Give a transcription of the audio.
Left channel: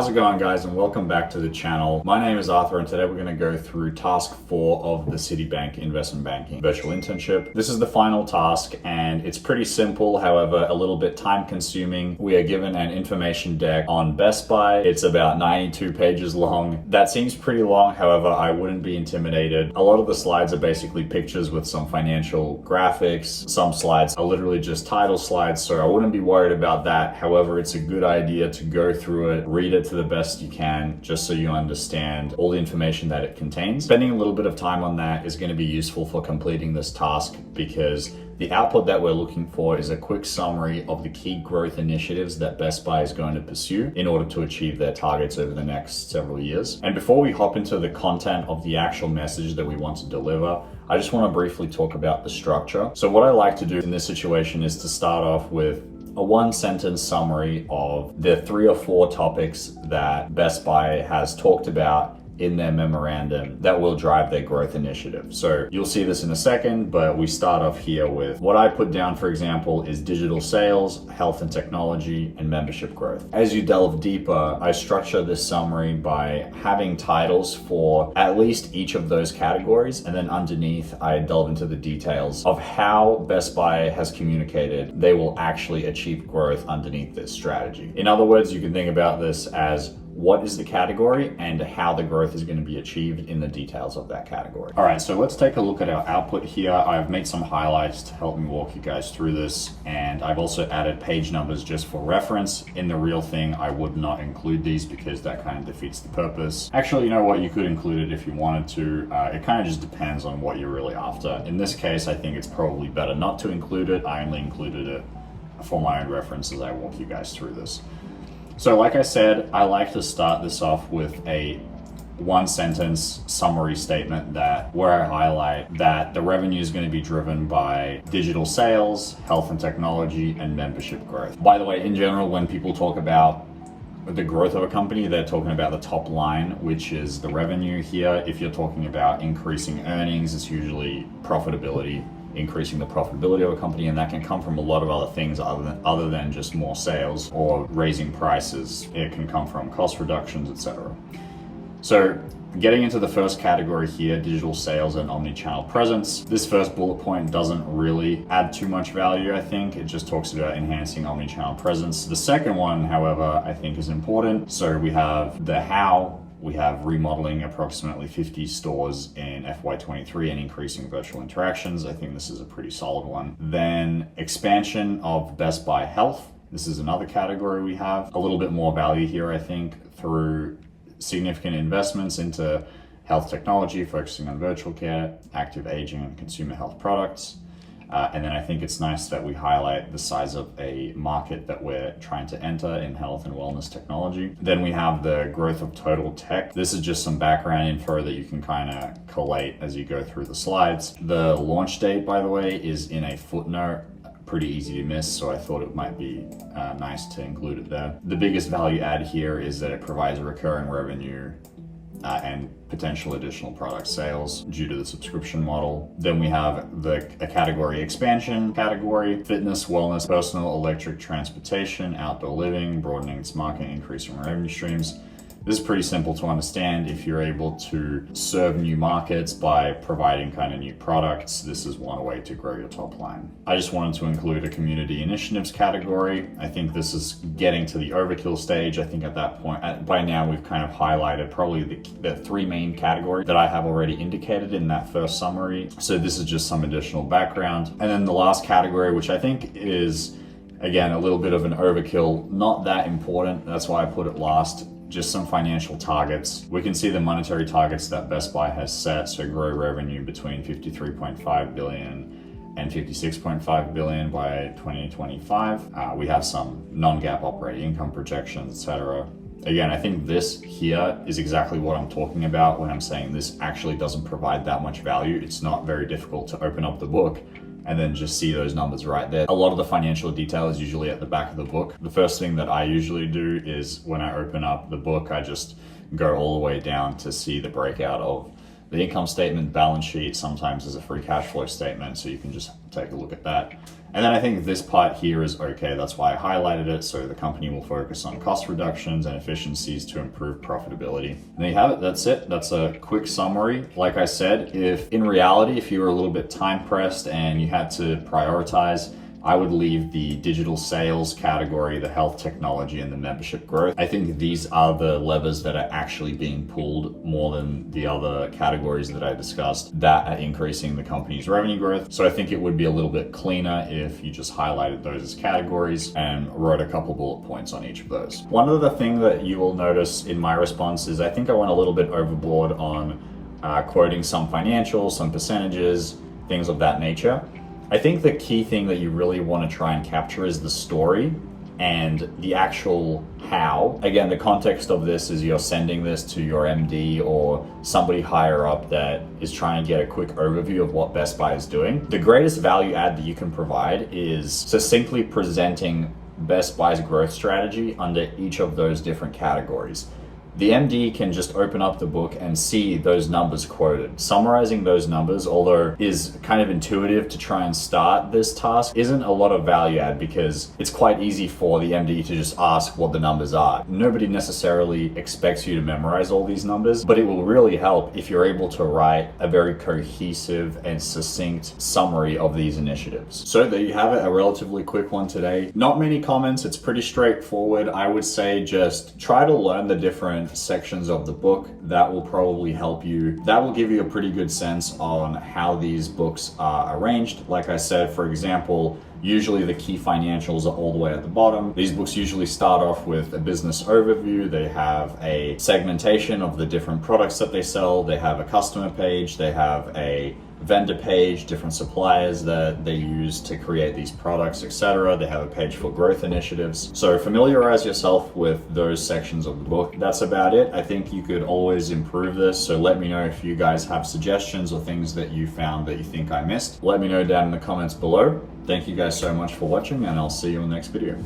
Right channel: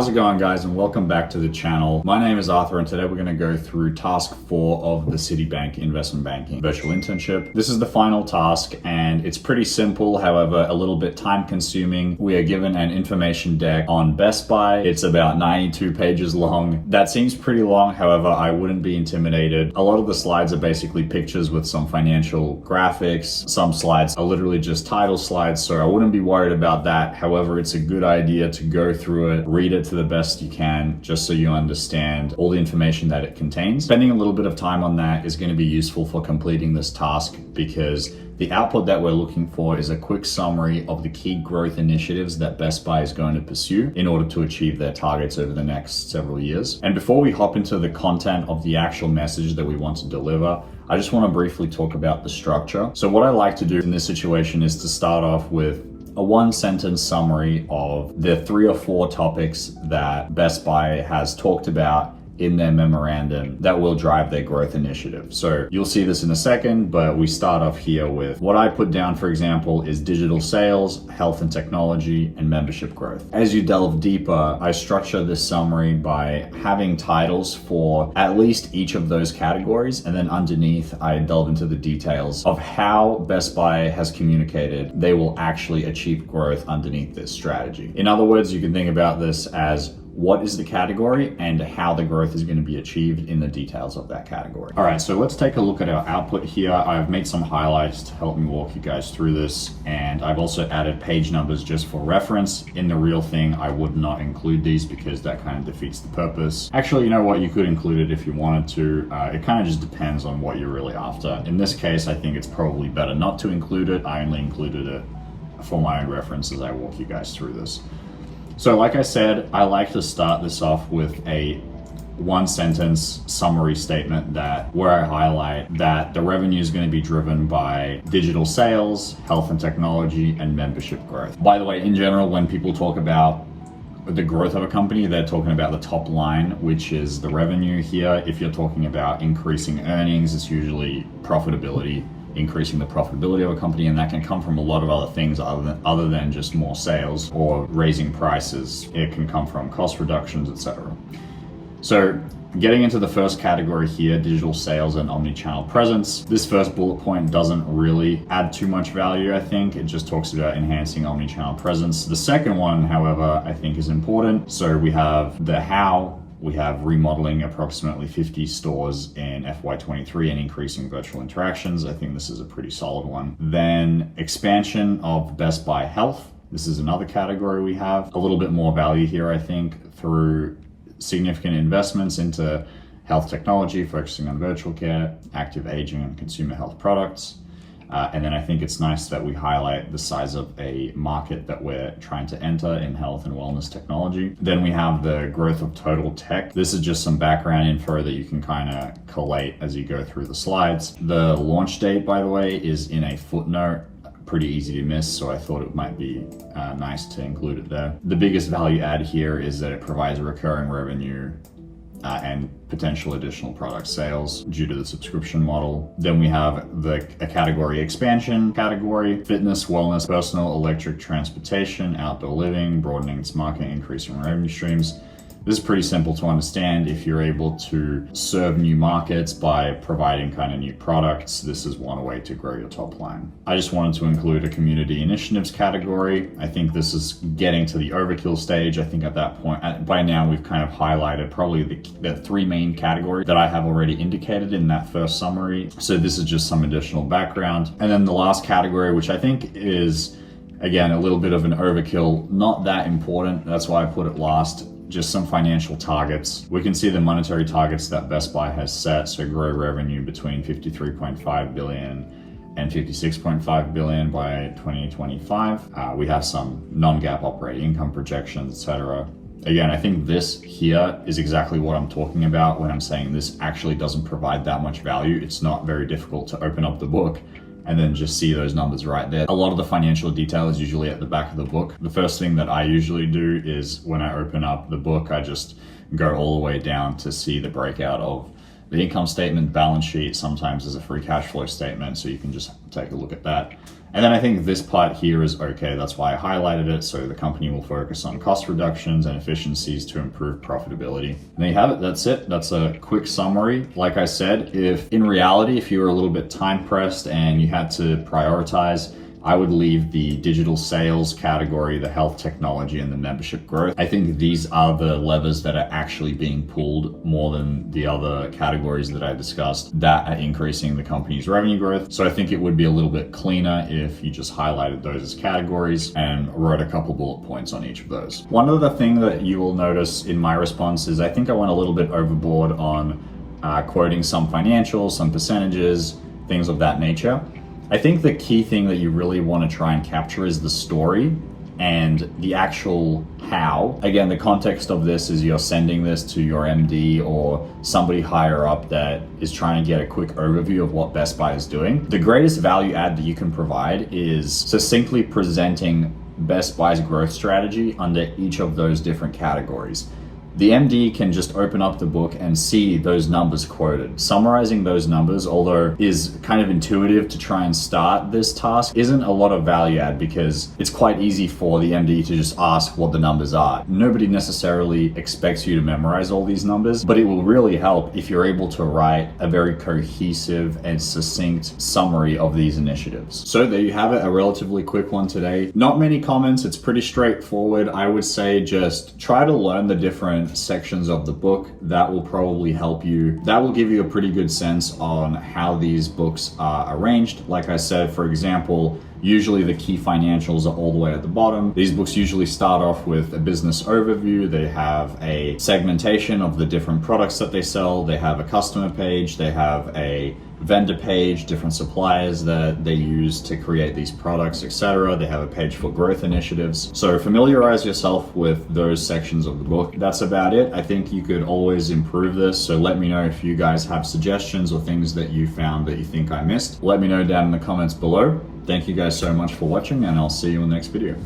How's it going, guys, and welcome back to the channel. My name is Arthur, and today we're going to go through task 4 of the Citibank Investment Banking Virtual Internship. This is the final task, and it's pretty simple, however, a little bit time consuming. We are given an information deck on Best Buy. It's about 92 pages long. That seems pretty long, however, I wouldn't be intimidated. A lot of the slides are basically pictures with some financial graphics. Some slides are literally just title slides, so I wouldn't be worried about that. However, it's a good idea to go through it, read it to the best you can, just so you understand all the information that it contains. Spending a little bit of time on that is going to be useful for completing this task, because the output that we're looking for is a quick summary of the key growth initiatives that Best Buy is going to pursue in order to achieve their targets over the next several years. And before we hop into the content of the actual message that we want to deliver, I just want to briefly talk about the structure. So what I like to do in this situation is to start off with a one-sentence summary of the 3 or 4 topics that Best Buy has talked about in their memorandum that will drive their growth initiative. So you'll see this in a second, but we start off here with what I put down, for example, is digital sales, health and technology, and membership growth. As you delve deeper, I structure this summary by having titles for at least each of those categories, and then underneath I delve into the details of how Best Buy has communicated they will actually achieve growth underneath this strategy. In other words, you can think about this as what is the category and how the growth is going to be achieved in the details of that category. All right, so let's take a look at our output here. I've made some highlights to help me walk you guys through this, and I've also added page numbers just for reference. In the real thing, I would not include these because that kind of defeats the purpose. Actually, you know what? You could include it if you wanted to. It kind of just depends on what you're really after. In this case, I think it's probably better not to include it. I only included it for my own reference as I walk you guys through this. So like I said, I like to start this off with a one-sentence summary statement where I highlight that the revenue is going to be driven by digital sales, health and technology, and membership growth. By the way, in general, when people talk about the growth of a company, they're talking about the top line, which is the revenue here. If you're talking about increasing earnings, it's usually profitability, increasing the profitability of a company, and that can come from a lot of other things other than just more sales or raising prices. It can come from cost reductions, etc. So getting into the first category here, digital sales and omni-channel presence. This first bullet point doesn't really add too much value, I think. It just talks about enhancing omni-channel presence. The second one, however, I think is important. So we have the how. We have remodeling approximately 50 stores in FY23 and increasing virtual interactions. I think this is a pretty solid one. Then expansion of Best Buy Health. This is another category we have. A little bit more value here, I think, through significant investments into health technology, focusing on virtual care, active aging, and consumer health products. And then I think it's nice that we highlight the size of a market that we're trying to enter in health and wellness technology. Then we have the growth of total tech. This is just some background info that you can kind of collate as you go through the slides. The launch date, by the way, is in a footnote. Pretty easy to miss, so I thought it might be nice to include it there. The biggest value add here is that it provides recurring revenue and potential additional product sales due to the subscription model. Then we have a category expansion category: fitness, wellness, personal, electric transportation, outdoor living, broadening its market, increasing revenue streams. This is pretty simple to understand. If you're able to serve new markets by providing kind of new products, this is one way to grow your top line. I just wanted to include a community initiatives category. I think this is getting to the overkill stage. I think at that point, by now, we've kind of highlighted probably the 3 main categories that I have already indicated in that first summary. So this is just some additional background. And then the last category, which I think is, again, a little bit of an overkill, not that important. That's why I put it last. Just some financial targets. We can see the monetary targets that Best Buy has set. So grow revenue between 53.5 billion and 56.5 billion by 2025. We have some non-GAAP operating income projections, etc. Again, I think this here is exactly what I'm talking about when I'm saying this actually doesn't provide that much value. It's not very difficult to open up the book and then just see those numbers right there. A lot of the financial detail is usually at the back of the book. The first thing that I usually do is when I open up the book, I just go all the way down to see the breakout of The income statement, balance sheet sometimes is a free cash flow statement, so you can just take a look at that. And then I think this part here is okay. That's why I highlighted it. So the company will focus on cost reductions and efficiencies to improve profitability. And there you have it. That's it. That's a quick summary. Like I said, if in reality, if you were a little bit time pressed and you had to prioritize, I would leave the digital sales category, the health technology, and the membership growth. I think these are the levers that are actually being pulled more than the other categories that I discussed that are increasing the company's revenue growth. So I think it would be a little bit cleaner if you just highlighted those as categories and wrote a couple bullet points on each of those. One other thing that you will notice in my response is I think I went a little bit overboard on quoting some financials, some percentages, things of that nature. I think the key thing that you really want to try and capture is the story and the actual how. Again, the context of this is you're sending this to your MD or somebody higher up that is trying to get a quick overview of what Best Buy is doing. The greatest value add that you can provide is succinctly presenting Best Buy's growth strategy under each of those different categories. The MD can just open up the book and see those numbers quoted. Summarizing those numbers, although is kind of intuitive to try and start this task, isn't a lot of value add because it's quite easy for the MD to just ask what the numbers are. Nobody necessarily expects you to memorize all these numbers, but it will really help if you're able to write a very cohesive and succinct summary of these initiatives. So there you have it, a relatively quick one today. Not many comments, it's pretty straightforward. I would say just try to learn the different sections of the book. That will probably help you. That will give you a pretty good sense on how these books are arranged. Like I said, for example, usually the key financials are all the way at the bottom. These books usually start off with a business overview. They have a segmentation of the different products that they sell. They have a customer page. They have a vendor page, different suppliers that they use to create these products, etc. They have a page for growth initiatives. So familiarize yourself with those sections of the book. That's about it. I think you could always improve this. So let me know if you guys have suggestions or things that you found that you think I missed. Let me know down in the comments below. Thank you guys so much for watching, and I'll see you in the next video.